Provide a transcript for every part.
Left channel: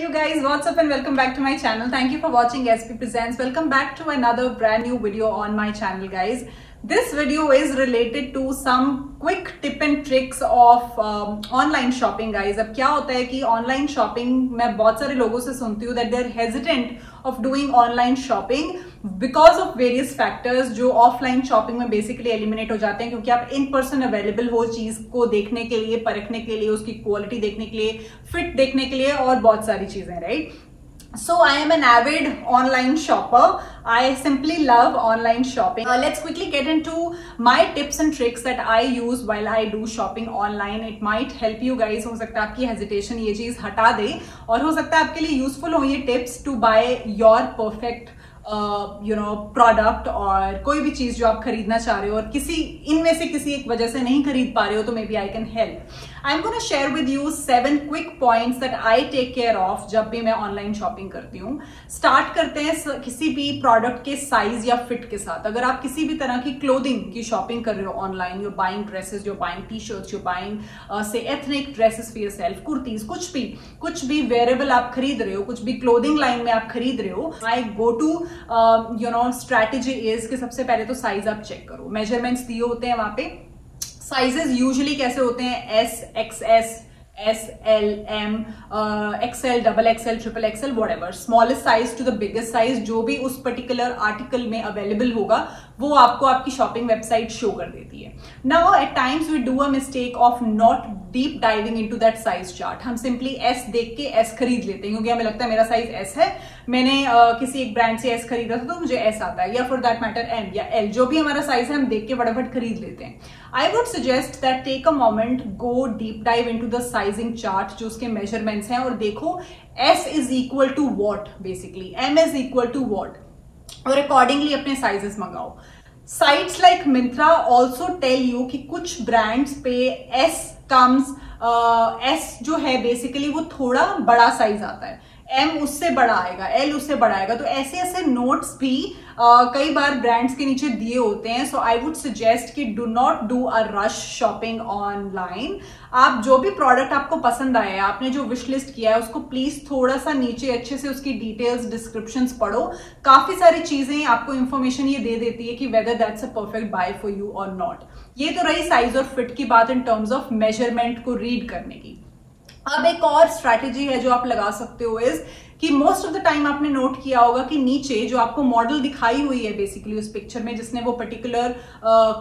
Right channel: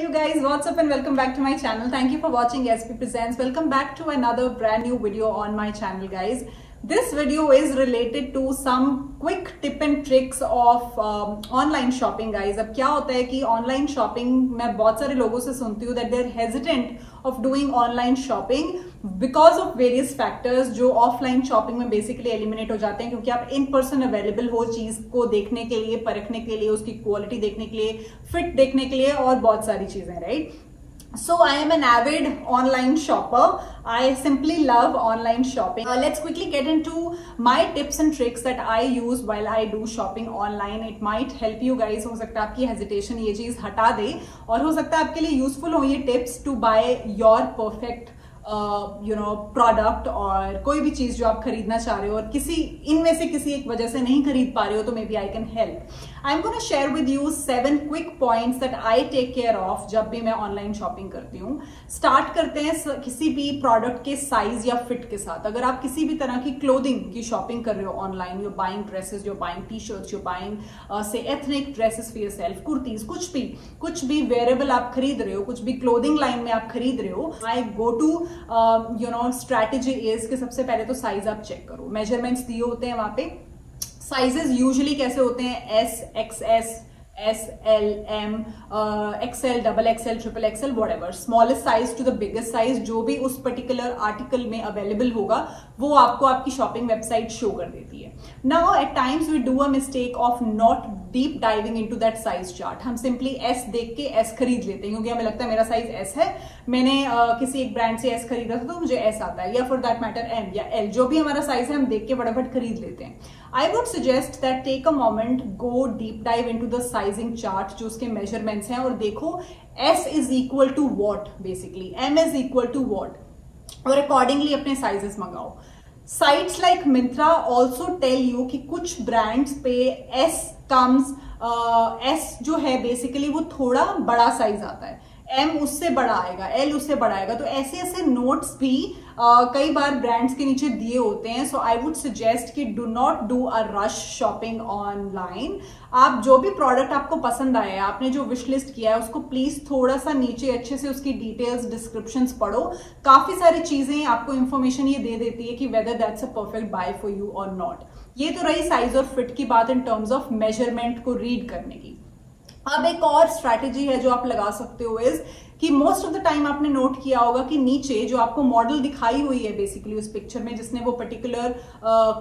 Hey you guys, what's up and welcome back to my channel. Thank you for watching SP Presents. Welcome back to another brand new video on my channel guys. This video is related to some quick tip and tricks of online shopping guys. अब क्या होता है कि online shopping मैं बहुत सारे लोगों से सुनती हूँ that they're hesitant of doing online shopping because of various factors जो offline shopping में basically eliminate हो जाते हैं क्योंकि आप in person available हो चीज को देखने के लिए, परखने के लिए, उसकी quality देखने के लिए, fit देखने के लिए और बहुत सारी चीजें, right? So I am an avid online shopper. I simply love online shopping. Let's quickly get into my tips and tricks that I use while I do shopping online. It might help you guys. हो सकता है आपकी hesitation ये चीज हटा दे और हो सकता है आपके लिए useful हो ये tips to buy your perfect product और कोई भी चीज जो आप खरीदना चाह रहे हो और किसी इनमें से किसी एक वजह से नहीं खरीद पा रहे हो तो maybe I can help. I am gonna share with you 7 quick points that I take care of जब भी मैं ऑनलाइन शॉपिंग करती हूँ. स्टार्ट करते हैं किसी भी प्रोडक्ट के साइज या फिट के साथ. अगर आप किसी भी तरह की क्लोथिंग की शॉपिंग कर रहे हो online, you buying dresses, you buying T shirts, you buying say ethnic dresses for yourself, kurtis, कुछ भी वेयरेबल आप खरीद रहे हो, कुछ भी क्लोथिंग लाइन में आप खरीद रहे हो, आई गो टू स्ट्रैटेजी इज कि सबसे पहले तो साइज आप चेक करो. मेजरमेंट्स दिए होते हैं वहां पे. साइजेस यूजुअली कैसे होते हैं? S, XS, S, L, M, XL, double XL, triple XL, whatever. Smallest size to the biggest size जो भी उस पर्टिकुलर आर्टिकल में अवेलेबल होगा वो आपको आपकी शॉपिंग वेबसाइट शो कर देती है. Now at times we do a mistake of not deep diving into that size chart. हम सिंपली एस देख के एस खरीद लेते हैं क्योंकि हमें लगता है मेरा साइज एस है, मैंने किसी एक ब्रांड से एस खरीदा था तो मुझे एस आता है, या फॉर दैट मैटर एम या एल, जो भी हमारा साइज है हम देख के फटाफट खरीद लेते हैं. I would suggest that take a moment, go deep dive into the sizing chart जो उसके मेजरमेंट्स हैं और देखो S is equal to what, basically M is equal to what, और अकॉर्डिंगली अपने साइजेस मंगाओ. Sites like Myntra also tell you कि कुछ ब्रांड्स पे एस कम्स, एस जो है बेसिकली वो थोड़ा बड़ा साइज आता है, एम उससे बड़ा आएगा, एल उससे बड़ा आएगा. तो ऐसे ऐसे नोट्स भी कई बार ब्रांड्स के नीचे दिए होते हैं. सो आई वुड सजेस्ट कि do not do a rush shopping online. आप जो भी प्रोडक्ट आपको पसंद आया है, आपने जो विश लिस्ट किया है, उसको प्लीज थोड़ा सा नीचे अच्छे से उसकी डिटेल्स, डिस्क्रिप्शंस पढ़ो. काफी सारी चीजें आपको इन्फॉर्मेशन ये दे देती है कि whether that's a perfect buy for you और नॉट. ये तो रही साइज और फिट की बात इन टर्म्स ऑफ मेजरमेंट को रीड करने की. अब एक और स्ट्रैटेजी है जो आप लगा सकते हो इज कि मोस्ट ऑफ द टाइम आपने नोट किया होगा कि नीचे जो आपको मॉडल दिखाई हुई है बेसिकली उस पिक्चर में जिसने वो पर्टिकुलर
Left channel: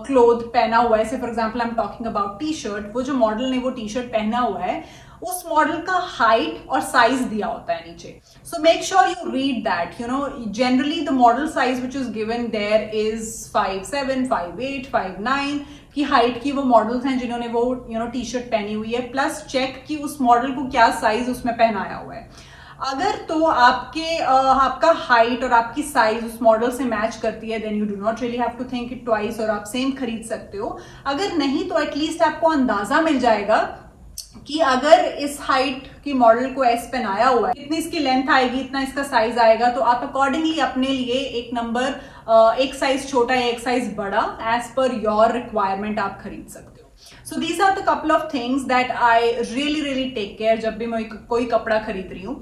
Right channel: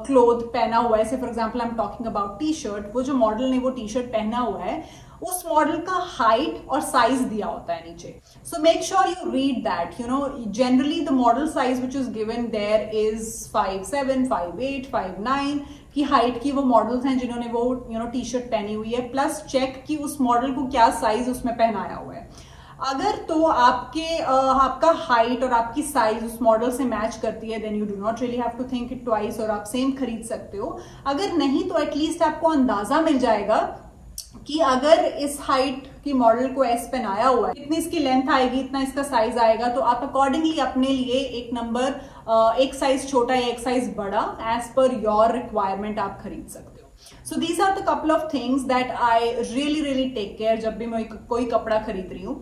क्लोथ पहना हुआ है, for example I am talking about T shirt, वो जो मॉडल ने वो टी शर्ट पहना हुआ है उस मॉडल का हाइट और साइज दिया होता है नीचे. So make sure you read that. Generally the model size which is given there is 5'7", 5'8", 5'9" की हाइट की वो मॉडल्स हैं जिन्होंने वो टी शर्ट पहनी हुई है. प्लस चेक कि उस मॉडल को क्या साइज उसमें पहनाया हुआ है. अगर तो आपका हाइट और आपकी साइज उस मॉडल से मैच करती है then you do not really have to think it twice और आप सेम खरीद सकते हो. अगर नहीं तो एटलीस्ट आपको अंदाजा मिल जाएगा कि अगर इस हाइट की मॉडल को एस पहनाया हुआ है, इतनी इसकी लेंथ आएगी, इतना इसका साइज आएगा, तो आप अकॉर्डिंगली अपने लिए एक नंबर, एक साइज छोटा या एक साइज बड़ा एज पर योर रिक्वायरमेंट आप खरीद सकते हो. So these are the couple of things that I really take care जब भी मैं कोई कपड़ा खरीद रही हूँ.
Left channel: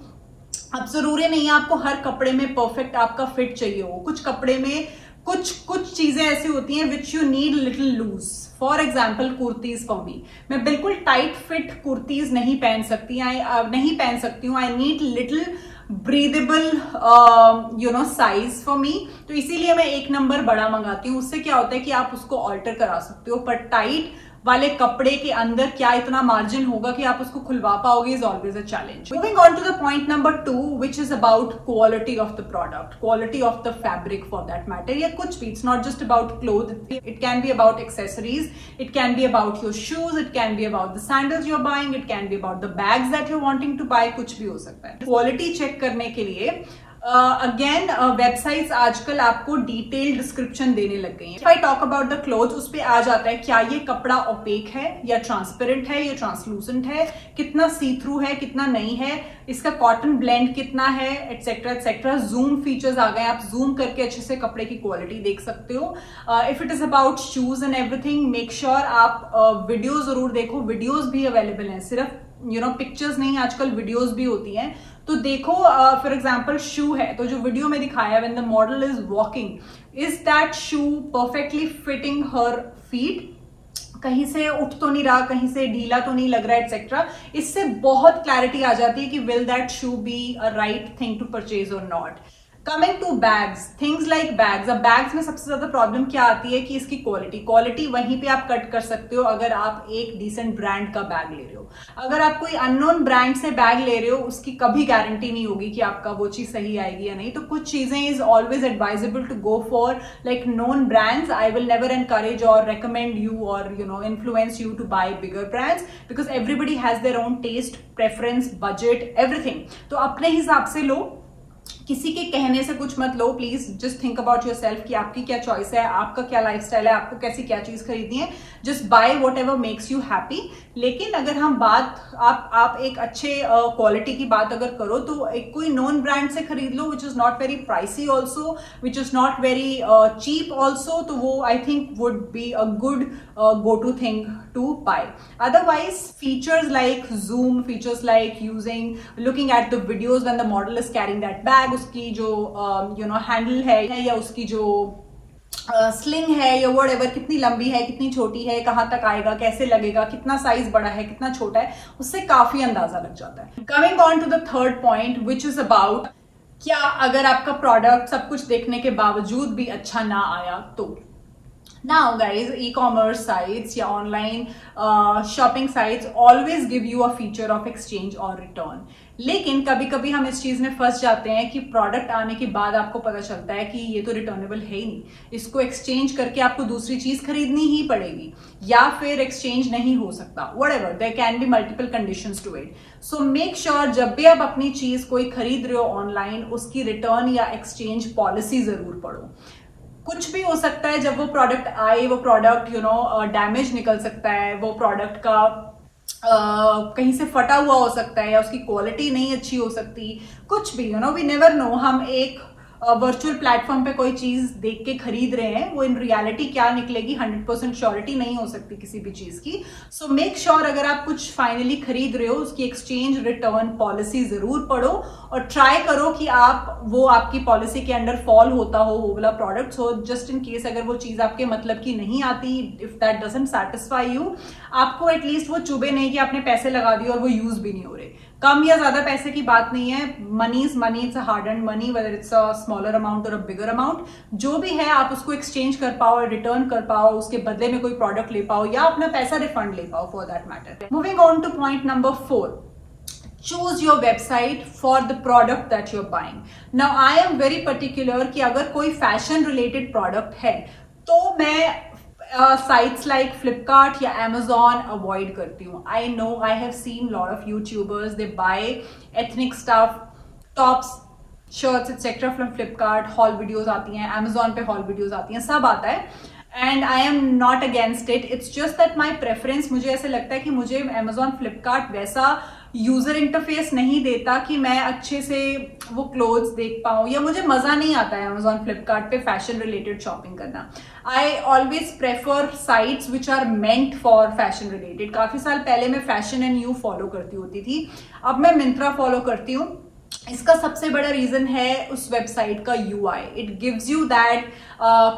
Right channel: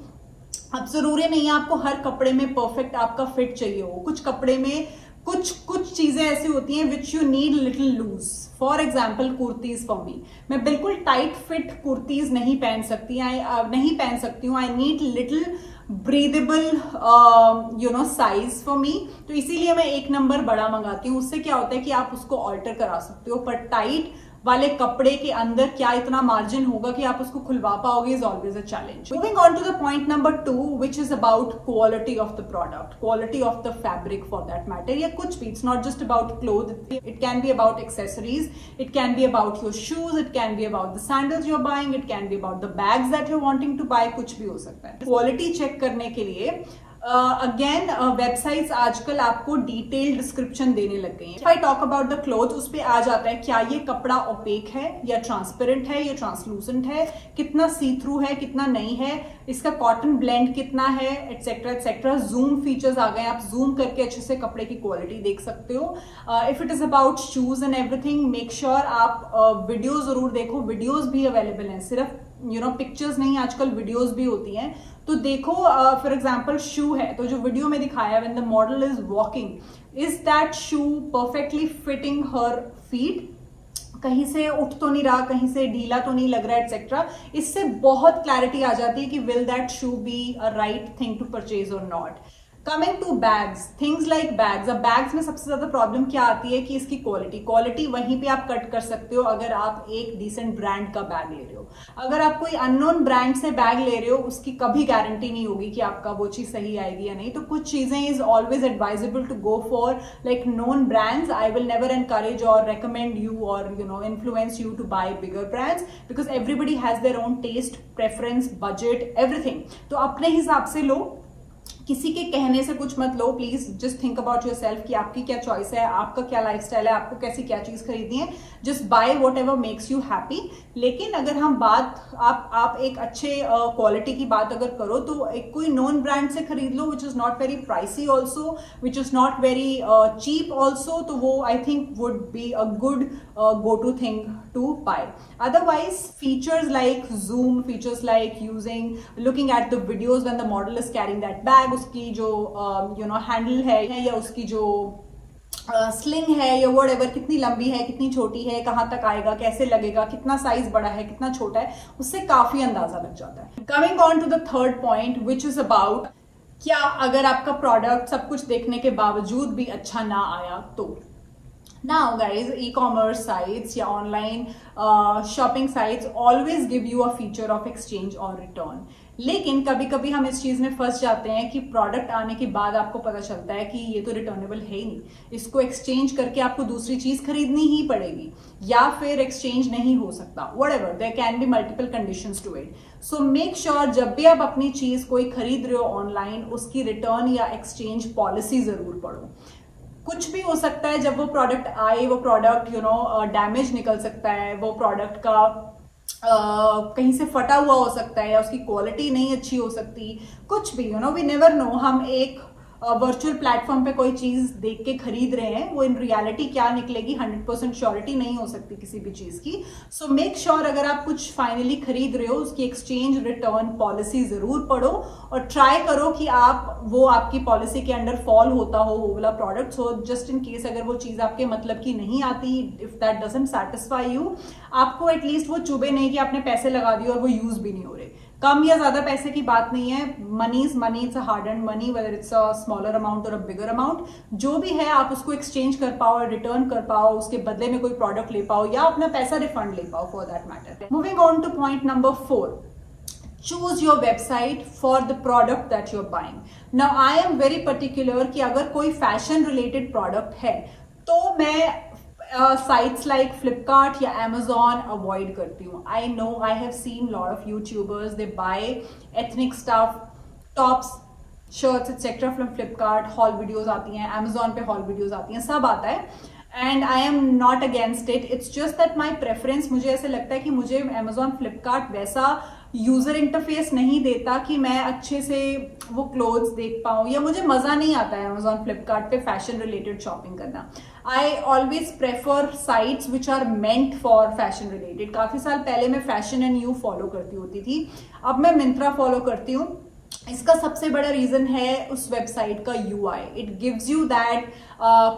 अब जरूरी नहीं है आपको हर कपड़े में परफेक्ट आपका फिट चाहिए हो. कुछ कपड़े में कुछ चीजें ऐसी होती हैं which you need little loose. For example kurtis for me, मैं बिल्कुल टाइट फिट कुर्तीज नहीं पहन सकती हूँ. I need little breathable size for me. तो इसीलिए मैं एक नंबर बड़ा मंगाती हूँ. उससे क्या होता है कि आप उसको ऑल्टर करा सकते हो, पर टाइट वाले कपड़े के अंदर क्या इतना मार्जिन होगा कि आप उसको खुलवा पाओगे is always a challenge. Moving on to the point number 2 which is about quality of the product, quality of the fabric for that matter. ये कुछ भी, it's not just about cloth, it can be about accessories, it can be about your shoes, it can be about the sandals you are buying, it can be about the bags that you wanting to buy, कुछ भी हो सकता है. Quality check करने के लिए again websites आजकल आपको डिटेल्ड डिस्क्रिप्शन देने लग गई हैं. If I talk about the cloth, उस पे आ जाता है क्या ये कपड़ा ओपेक है या ट्रांसपेरेंट है या ट्रांसलूसेंट है, कितना सी थ्रू है, कितना नहीं है, इसका कॉटन ब्लेंड कितना है, एटसेट्रा एटसेट्रा. जूम फीचर्स आ गए, आप जूम करके अच्छे से कपड़े की क्वालिटी देख सकते हो. If it is about shoes and everything, make sure आप वीडियो जरूर देखो. वीडियोज भी अवेलेबल हैं, सिर्फ पिक्चर्स नहीं, आजकल वीडियोज भी होती हैं. तो देखो फॉर एग्जाम्पल शू है, तो जो वीडियो में दिखाया when the model is walking, is that shoe perfectly fitting her feet, कहीं से उठ तो नहीं रहा, कहीं से ढीला तो नहीं लग रहा, एटसेट्रा। इससे बहुत क्लैरिटी आ जाती है कि will that shoe be a right thing to purchase और not. Coming to bags, things like bags. अब बैग्स में सबसे ज्यादा प्रॉब्लम क्या आती है कि इसकी क्वालिटी वहीं पे आप कट कर सकते हो अगर आप एक डिसेंट ब्रांड का बैग ले रहे हो। अगर आप कोई अननोन ब्रांड से बैग ले रहे हो, उसकी कभी गारंटी नहीं होगी कि आपका वो चीज सही आएगी या नहीं। तो कुछ चीजें is always advisable to go for like known brands. I will never encourage और रेकमेंड यू और influence you to buy bigger brands, because everybody has their own taste, preference, budget, everything. तो अपने हिसाब से लो, किसी के कहने से कुछ मत लो। Please just think about yourself कि आपकी क्या चॉइस है, आपका क्या लाइफस्टाइल है, आपको कैसी क्या चीज खरीदनी है। Just by what ever makes you happy. लेकिन अगर हम बात आप एक अच्छे क्वालिटी की बात अगर करो तो एक कोई नॉन ब्रांड से खरीद लो, which is not very pricey also, which is not very cheap also. तो वो I think would be a good go to thing to buy. Otherwise, features like zoom, features like looking at the videos when the model is carrying that bag, उसकी जो handle है या उसकी जो sling है या whatever, कितनी लंबी है, कितनी छोटी है, कहाँ तक आएगा, कैसे लगेगा, कितना साइज बड़ा है, कितना छोटा है, उससे काफी अंदाजा लग जाता है। Coming on to the third point which is about, क्या अगर आपका प्रोडक्ट सब कुछ देखने के बावजूद भी अच्छा ना आया तो। Now guys, e-commerce sites या online shopping sites always give you a feature of exchange or return. लेकिन कभी कभी हम इस चीज में फंस जाते हैं कि प्रोडक्ट आने के बाद आपको पता चलता है कि ये तो रिटर्नेबल है ही नहीं, इसको एक्सचेंज करके आपको दूसरी चीज खरीदनी ही पड़ेगी या फिर एक्सचेंज नहीं हो सकता। Whatever, there can be multiple conditions to it. So make sure जब भी आप अपनी चीज कोई खरीद रहे हो ऑनलाइन, उसकी रिटर्न या एक्सचेंज पॉलिसी जरूर पढ़ो। कुछ भी हो सकता है जब वो प्रोडक्ट आए, वो प्रोडक्ट डैमेज निकल सकता है, वो प्रोडक्ट का कहीं से फटा हुआ हो सकता है या उसकी क्वालिटी नहीं अच्छी हो सकती, कुछ भी वी नेवर नो। हम एक वर्चुअल प्लेटफॉर्म पे कोई चीज देख के खरीद रहे हैं, वो इन रियलिटी क्या निकलेगी 100% श्योरिटी नहीं हो सकती किसी भी चीज की। सो मेक श्योर अगर आप कुछ फाइनली खरीद रहे हो, उसकी एक्सचेंज रिटर्न पॉलिसी जरूर पढ़ो और ट्राई करो कि आप वो आपकी पॉलिसी के अंडर फॉल होता हो वो वाला प्रोडक्ट हो। जस्ट इन केस अगर वो चीज आपके मतलब की नहीं आती, if that doesn't satisfy you, आपको एटलीस्ट वो चुभे नहीं कि आपने पैसे लगा दिए और वो यूज भी नहीं हो रहे। कम या ज्यादा पैसे की बात नहीं है, money is money, it's a hard earned money, whether it's a smaller amount और अ बिगर अमाउंट। जो भी है आप उसको एक्सचेंज कर पाओ, रिटर्न कर पाओ, उसके बदले में कोई प्रोडक्ट ले पाओ या अपना पैसा रिफंड ले पाओ for that matter. Moving on two point number 4, choose your website for the product that you're buying. Now I am very particular कि अगर कोई फैशन रिलेटेड प्रोडक्ट है तो मैं sites like Flipkart या Amazon avoid करती हूँ. I know I have seen lot of YouTubers, they buy ethnic stuff, tops, shirts etc. from Flipkart, haul videos आती हैं, Amazon पे haul videos आती हैं, सब आता है. And I am not against it. It's just that my preference, मुझे ऐसे लगता है कि मुझे Amazon, Flipkart वैसा यूजर इंटरफेस नहीं देता कि मैं अच्छे से वो क्लोथ्स देख पाऊं, या मुझे मजा नहीं आता है Amazon, Flipkart पे फैशन रिलेटेड शॉपिंग करना. I always prefer sites which are meant for fashion related. काफी साल पहले मैं फैशन एंड यू फॉलो करती होती थी, अब मैं मिंत्रा फॉलो करती हूँ. इसका सबसे बड़ा रीजन है उस वेबसाइट का UI. It gives you that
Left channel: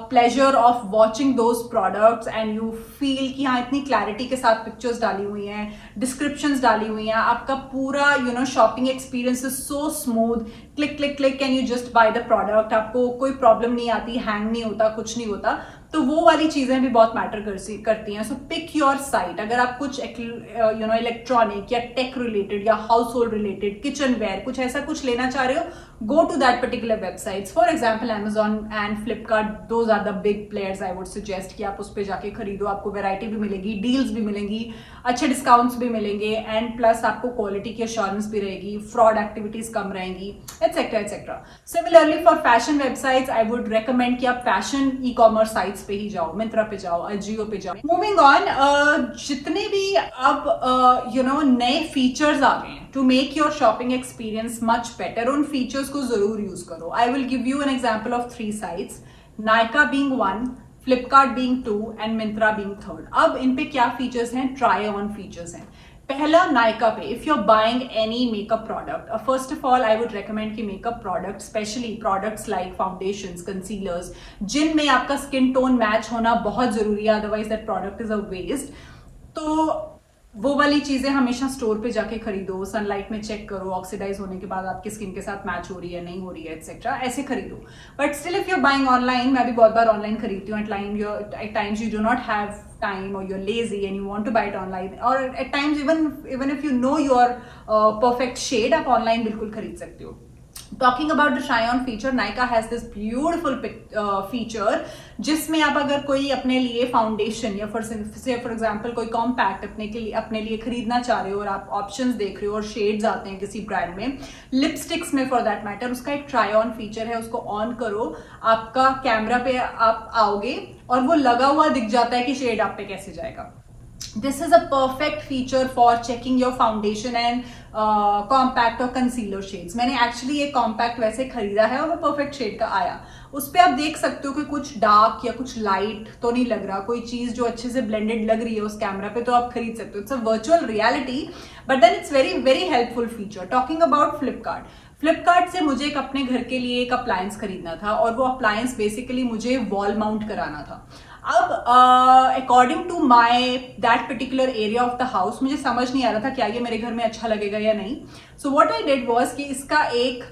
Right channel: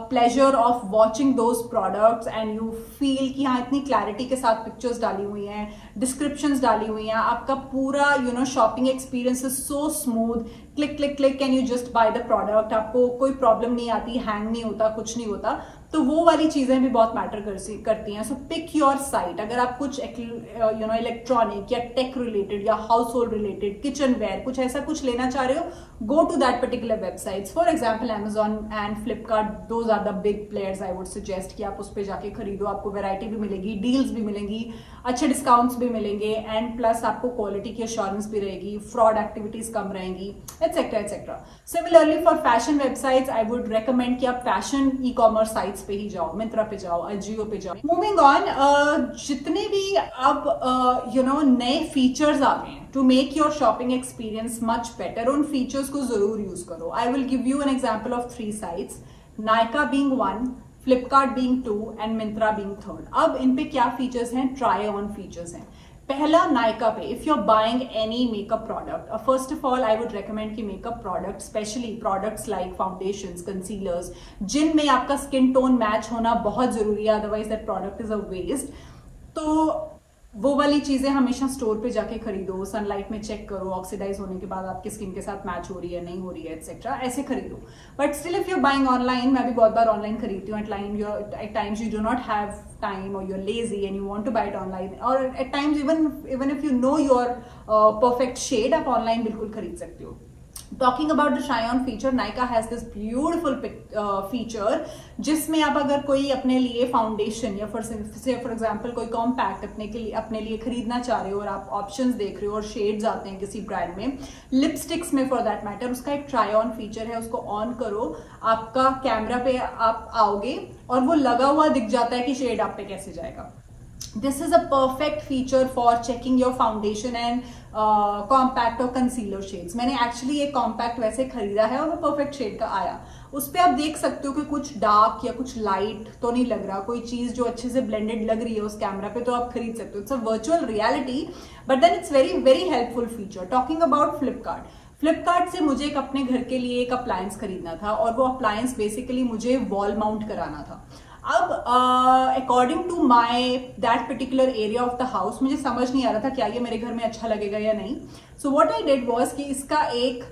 pleasure of watching those products and you feel कि हाँ इतनी क्लैरिटी के साथ पिक्चर्स डाली हुई हैं, डिस्क्रिप्शंस डाली हुई हैं, आपका पूरा shopping experience is so smooth. Click click click and you just by the product. आपको कोई प्रॉब्लम नहीं आती, हैंग नहीं होता, कुछ नहीं होता. तो वो वाली चीजें भी बहुत मैटर करती हैं. So pick your site. अगर आप कुछ इलेक्ट्रॉनिक या टेक रिलेटेड या household related, kitchenware, कुछ ऐसा कुछ लेना चाह रहे हो, go to that particular websites. For example, Amazon and Flipkart, those are the big players. I would suggest कि आप उस पे जाके खरीदो. आपको वैरायटी भी मिलेगी, डील्स भी मिलेंगी, अच्छे डिस्काउंट्स भी मिलेंगे, एंड प्लस आपको क्वालिटी की अश्योरेंस भी रहेगी, फ्रॉड एक्टिविटीज कम रहेंगी, etcetera etcetera. Similarly for fashion websites I would recommend कि आप फैशन ई कॉमर्स साइट्स पे ही जाओ, मिंत्रा पे जाओ, अजियो पे जाओ. मूविंग ऑन, जितने भी अब नए फीचर्स आ गए हैं to make your shopping experience much better, उन features को जरूर यूज करो. I will give you an example of 3 sites, Nykaa being 1, Flipkart being 2 and Myntra being 3rd. अब इन पे क्या फीचर्स हैं? ट्राई ऑन फीचर्स हैं. पहला नायका पे, if you are buying any makeup product, first of all I would recommend कि makeup product, specially products like foundations, concealers, जिनमें आपका स्किन टोन मैच होना बहुत जरूरी है, otherwise that product is a waste. तो वो वाली चीजें हमेशा स्टोर पे जाके खरीदो, सनलाइट में चेक करो, ऑक्सीडाइज होने के बाद आपकी स्किन के साथ मैच हो रही है नहीं हो रही है एक्सेट्रा, ऐसे खरीदो। But still if you are buying online, मैं भी बहुत बार ऑनलाइन खरीदती हूँ, at times you do not have time or you're lazy and you want to buy it online, or at times even if you know your perfect shade, आप online बिल्कुल खरीद सकते हो। Talking about the try on feature, Nykaa has this beautiful feature जिसमें आप अगर कोई अपने लिए फाउंडेशन या फॉर एग्जांपल कोई कॉम्पैक्ट अपने लिए खरीदना चाह रहे हो और आप ऑप्शंस देख रहे हो और शेड्स आते हैं किसी ब्रांड में, लिपस्टिक्स में फॉर दैट मैटर, उसका एक ट्राई ऑन फीचर है, उसको ऑन करो, आपका कैमरा पे आप आओगे और वो लगा हुआ दिख जाता है कि शेड आप पे कैसे जाएगा। This is a perfect feature for checking your foundation and compact और concealer shades। मैंने एक्चुअली ये कॉम्पैक्ट वैसे खरीदा है और वो परफेक्ट शेड का आया। उस पे आप देख सकते हो कि कुछ डार्क या कुछ लाइट तो नहीं लग रहा, कोई चीज जो अच्छे से ब्लेंडेड लग रही है उस कैमरा पे, तो आप खरीद सकते हो। It's a virtual reality, but then it's very very helpful feature. Talking about Flipkart से मुझे एक अपने घर के लिए एक अप्लायंस खरीदना था और वो अप्लायंस बेसिकली मुझे वॉल माउंट कराना था। अब according to my that particular area of the house मुझे समझ नहीं आ रहा था क्या ये मेरे घर में अच्छा लगेगा या नहीं। So what I did was कि इसका एक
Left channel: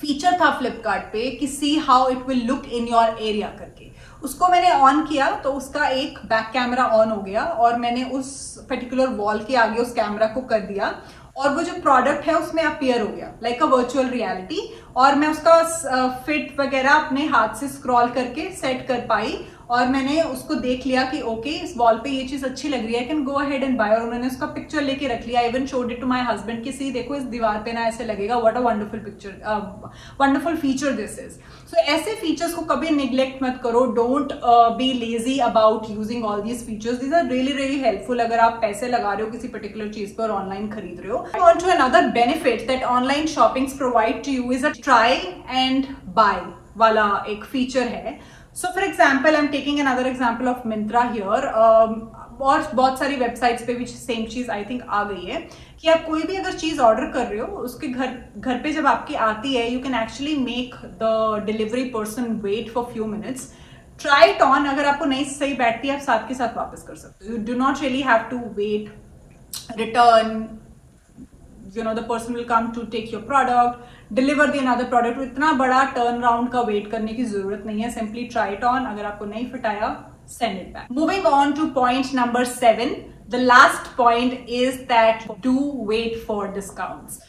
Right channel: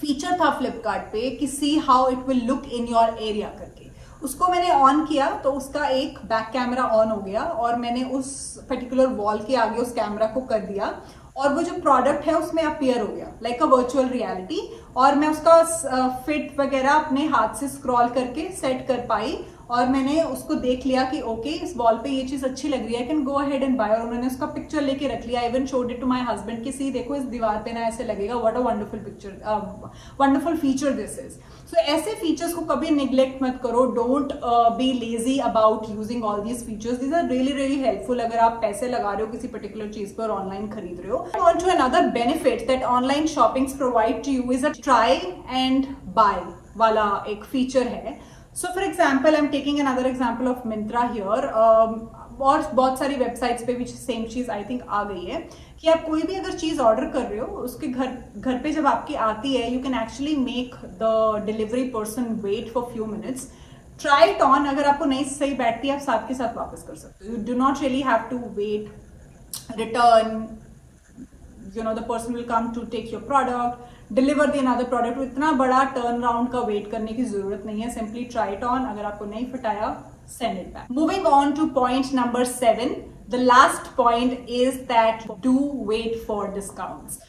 फीचर था फ्लिपकार्ट पे कि see how it will look in your area करके, उसको मैंने ऑन किया तो उसका एक बैक कैमरा ऑन हो गया और मैंने उस पर्टिकुलर वॉल के आगे उस कैमरा को कर दिया और वो जो प्रोडक्ट है उसमें अपीयर हो गया लाइक अ वर्चुअल रियलिटी, और मैं उसका फिट वगैरह अपने हाथ से स्क्रॉल करके सेट कर पाई और मैंने उसको देख लिया कि ओके इस वॉल पे ये चीज अच्छी लग रही है, can go ahead and buy, और उन्होंने उसका पिक्चर लेके रख लिया। Even showed it to my husband कि सी देखो इस दीवार पे ना ऐसे लगेगा, what a wonderful picture, wonderful feature this is. So ऐसे फीचर्स को कभी निग्लेक्ट मत करो, don't be lazy about using all these features, these are really really helpful अगर आप पैसे लगा रहे हो किसी पर्टिकुलर चीज पर ऑनलाइन खरीद रहे हो। On to another benefit that online shoppings provide to you is a try and buy वाला एक फीचर है। So for example, I'm taking another example of Myntra here, और बहुत सारी वेबसाइट्स पे भी सेम चीज आई थिंक आ गई है कि आप कोई भी अगर चीज ऑर्डर कर रहे हो उसके घर पे जब आपकी आती है, you can actually make the delivery person wait for few minutes, try it on, अगर आपको नहीं सही बैठती है आप साथ के साथ वापस कर सकते हो। You do not really have to wait, return, you know the person will come to take your product, deliver the another product, तो इतना बड़ा टर्न राउंड का वेट करने की जरूरत नहीं है। सिंपली ट्राई इट ऑन, अगर आपको नहीं फिट आया send it back. Moving on to point number 7, the last point is that do wait for discounts.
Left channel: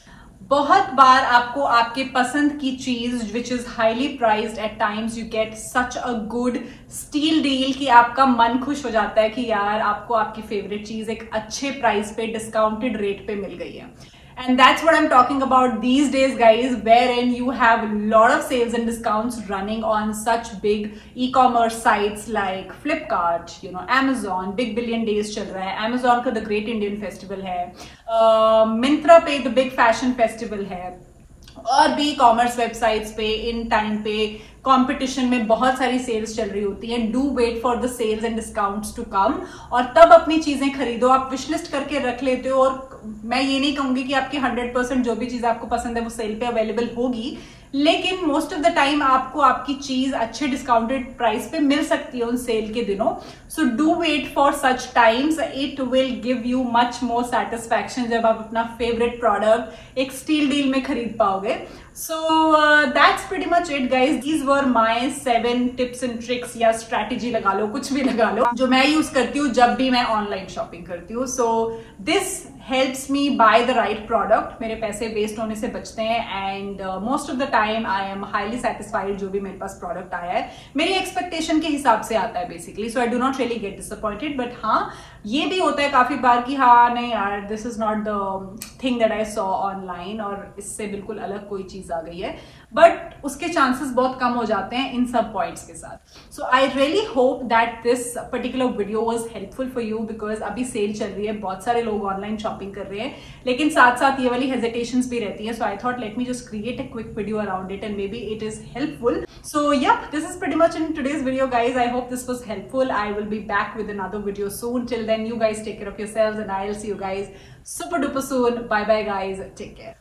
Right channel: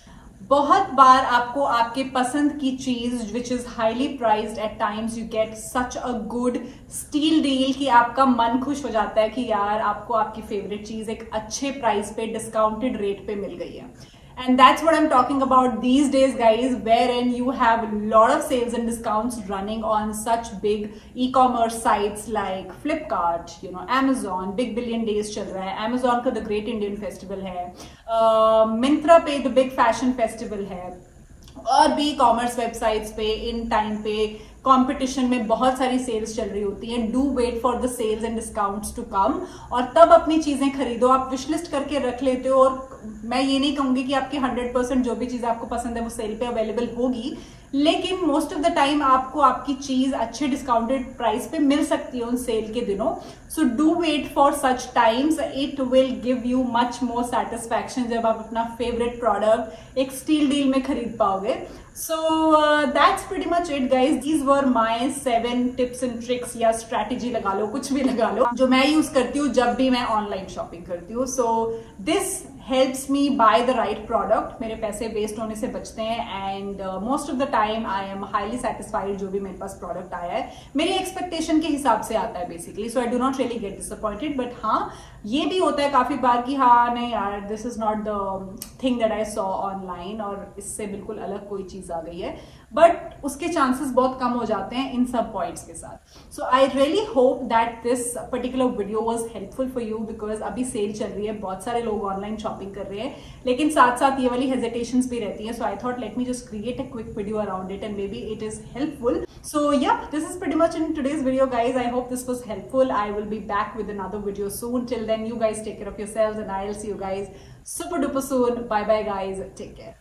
बहुत बार आपको आपके पसंद की चीज which is highly priced, at times you get such a good steal deal कि आपका मन खुश हो जाता है कि यार आपको आपकी फेवरेट चीज एक अच्छे प्राइस पे डिस्काउंटेड रेट पे मिल गई है। And that's what I'm talking about these days, guys, wherein you have a lot of sales and discounts running on such big e-commerce sites like Flipkart, you know, Amazon, Big Billion Days चल रहा है, Amazon का The Great Indian Festival है, Myntra पे The Big Fashion Festival है, और भी e-commerce websites पे इन टाइम पे कंपटीशन में बहुत सारी सेल्स चल रही होती है। Do wait for the sales and discounts to come, और तब अपनी चीजें खरीदो। आप विशलिस्ट करके रख लेते हो, और मैं ये नहीं कहूंगी कि आपकी 100% जो भी चीज आपको पसंद है वो सेल पे अवेलेबल होगी, लेकिन मोस्ट ऑफ द टाइम आपको आपकी चीज अच्छे डिस्काउंटेड प्राइस पे मिल सकती है उन सेल के दिनों। So do wait for such times, it will give you much more satisfaction जब आप अपना फेवरेट प्रोडक्ट एक स्टील डील में खरीद पाओगे। So that's pretty much it, guys. These were my 7 tips and tricks या strategy लगा लो, कुछ भी लगा लो, जो मैं यूज करती हूँ जब भी मैं ऑनलाइन शॉपिंग करती हूँ। So this helps me buy the right product. मेरे पैसे वेस्ट होने से बचते हैं, and most of the time I am highly satisfied जो भी मेरे पास प्रोडक्ट आया है मेरी एक्सपेक्टेशन के हिसाब से आता है basically. So I do not really get disappointed, but हाँ ये भी होता है काफी बार कि हाँ नहीं यार this is not the thing that I saw online, और इससे बिल्कुल अलग कोई चीज आ गई है, बट उसके चांसेस बहुत कम हो जाते हैं इन सब पॉइंट्स के साथ। So I really hope that this particular video was helpful for you, because अभी सेल चल रही है, बहुत सारे लोग ऑनलाइन शॉपिंग कर रहे हैं, लेकिन साथ साथ ये वाली हेजिटेशंस भी रहती है। So I thought let me just create a quick video around it, and maybe it is helpful. So yeah, this is pretty much in today's video, guys. I hope this was helpful. I will be back with another video soon. Till then, you guys take care of yourselves, and I'll see you guys super duper soon. Bye bye guys. Take care.